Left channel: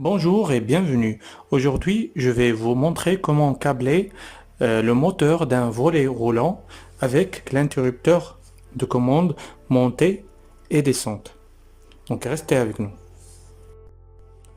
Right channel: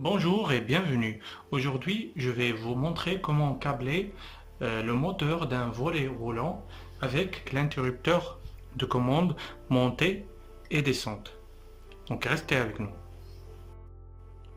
Bonjour et bienvenue. Aujourd'hui, je vais vous montrer comment câbler le moteur d'un volet roulant avec l'interrupteur de commande montée et descente. Donc restez avec nous.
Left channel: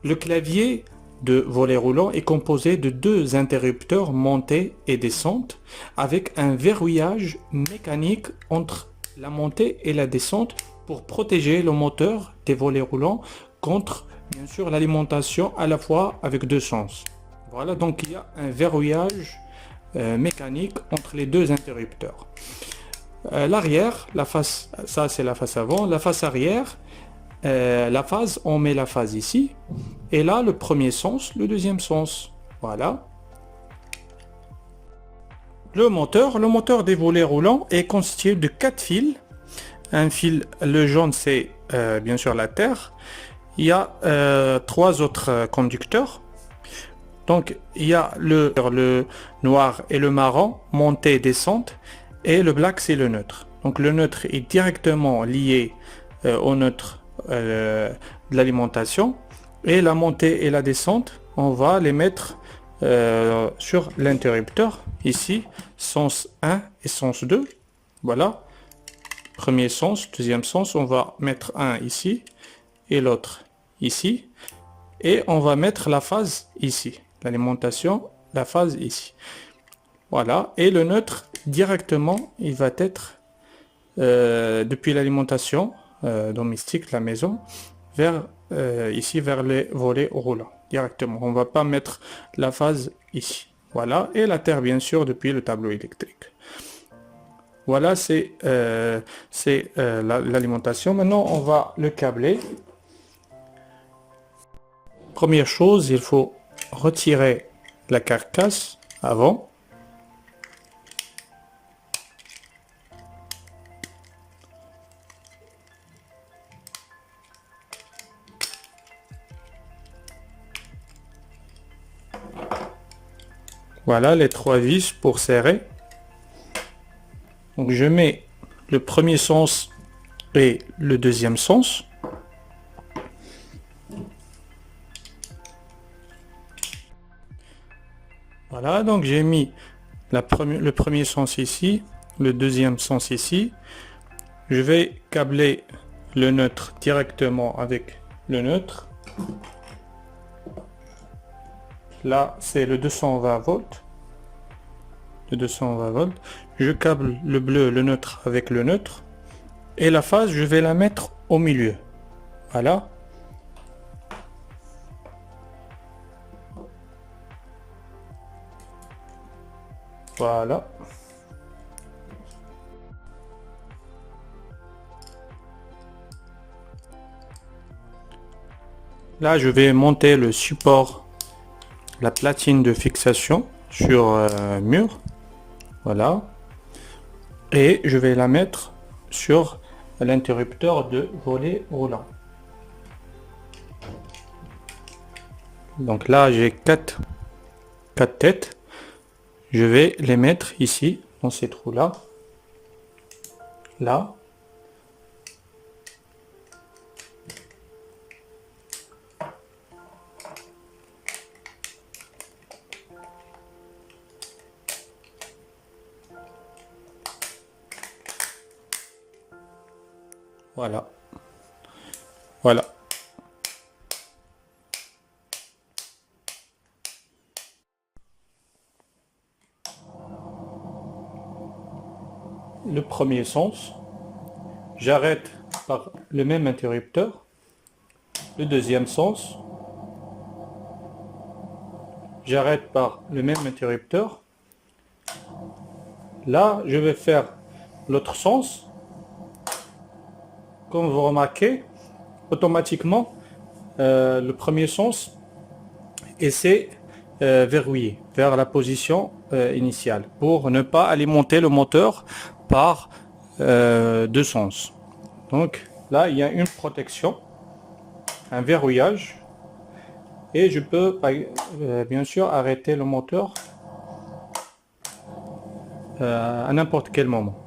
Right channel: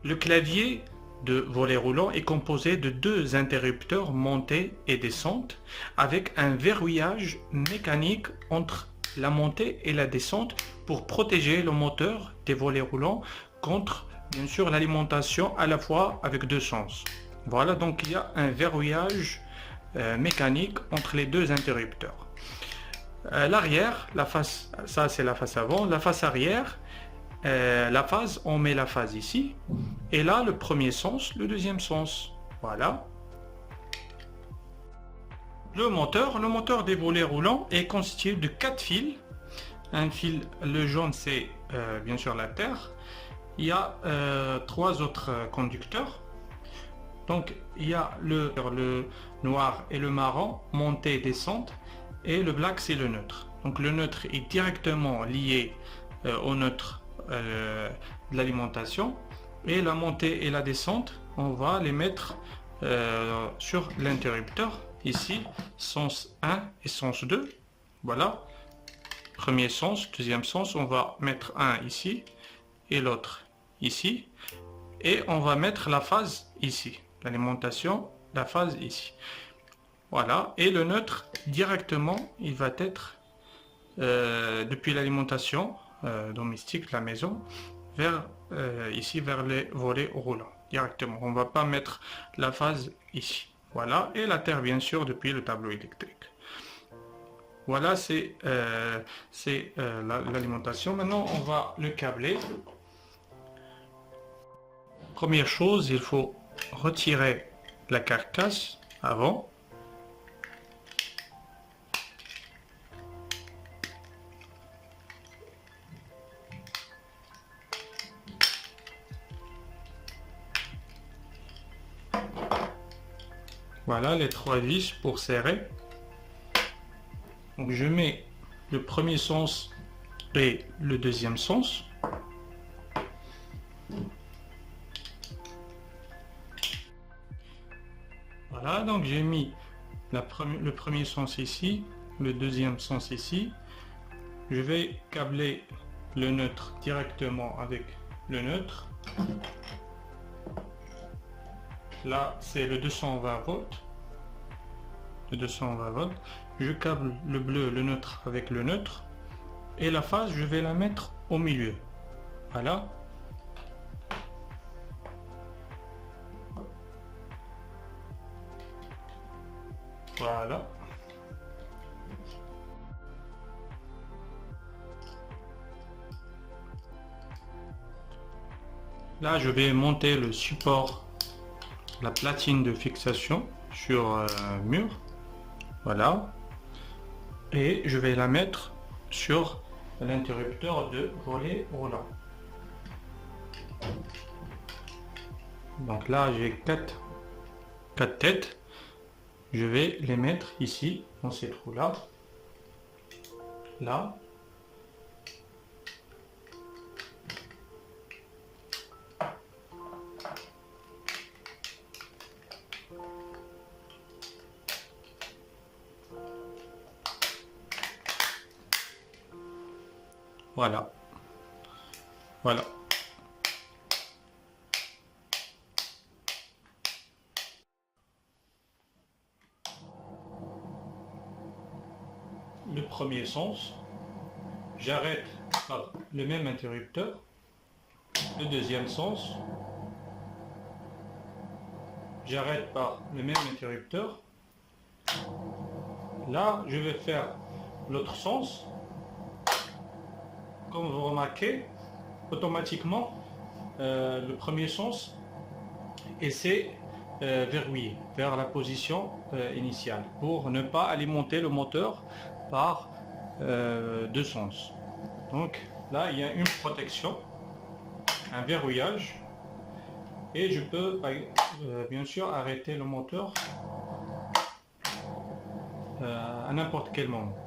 Le clavier de volet roulant est composé de deux interrupteurs montée et descente avec un verrouillage mécanique entre la montée et la descente pour protéger le moteur des volets roulants contre bien sûr l'alimentation à la fois avec deux sens. Voilà, donc il y a un verrouillage mécanique entre les deux interrupteurs. L'arrière, la face, ça c'est la face avant, la face arrière, la phase, on met la phase ici, et là le premier sens, le deuxième sens. Voilà. Le moteur des volets roulants est constitué de 4 fils. Un fil, le jaune c'est bien sûr la terre. Il y a trois autres conducteurs. Donc il y a le noir et le marron, montée et descente, et le black c'est le neutre. Donc le neutre est directement lié au neutre de l'alimentation, et la montée et la descente, on va les mettre sur l'interrupteur. Ici, sens 1 et sens 2. Voilà. Premier sens, deuxième sens, on va mettre un ici et l'autre ici, et on va mettre la phase ici, l'alimentation, la phase ici. Voilà, et le neutre directement il va être depuis l'alimentation domestique, la maison, vers ici, vers les volets roulants directement. On va pas mettre la phase ici. Voilà, et la terre bien sûr depuis le tableau électrique. Voilà, c'est l'alimentation. Maintenant on va le câbler. Première chose, il faut retirer la carcasse avant. Voilà les trois vis pour serrer. Donc je mets le premier sens et le deuxième sens. Voilà, donc j'ai mis le premier sens ici, le deuxième sens ici. Je vais câbler le neutre directement avec le neutre. Là, c'est le 220 volts. Le 220 volts. Je câble le bleu, le neutre avec le neutre. Et la phase, je vais la mettre au milieu. Voilà. Voilà. Là, je vais monter le support, la platine de fixation sur mur. Voilà. Et je vais la mettre sur l'interrupteur de volet roulant. Donc là, j'ai quatre têtes. Je vais les mettre ici, dans ces trous-là. Là. Voilà. Voilà. Le premier sens, j'arrête par le même interrupteur. Le deuxième sens, j'arrête par le même interrupteur. Là, je vais faire l'autre sens. Comme vous remarquez, automatiquement, le premier sens essaie verrouillé vers la position initiale pour ne pas alimenter le moteur par deux sens. Donc là, il y a une protection, un verrouillage, et je peux bien sûr arrêter le moteur à n'importe quel moment.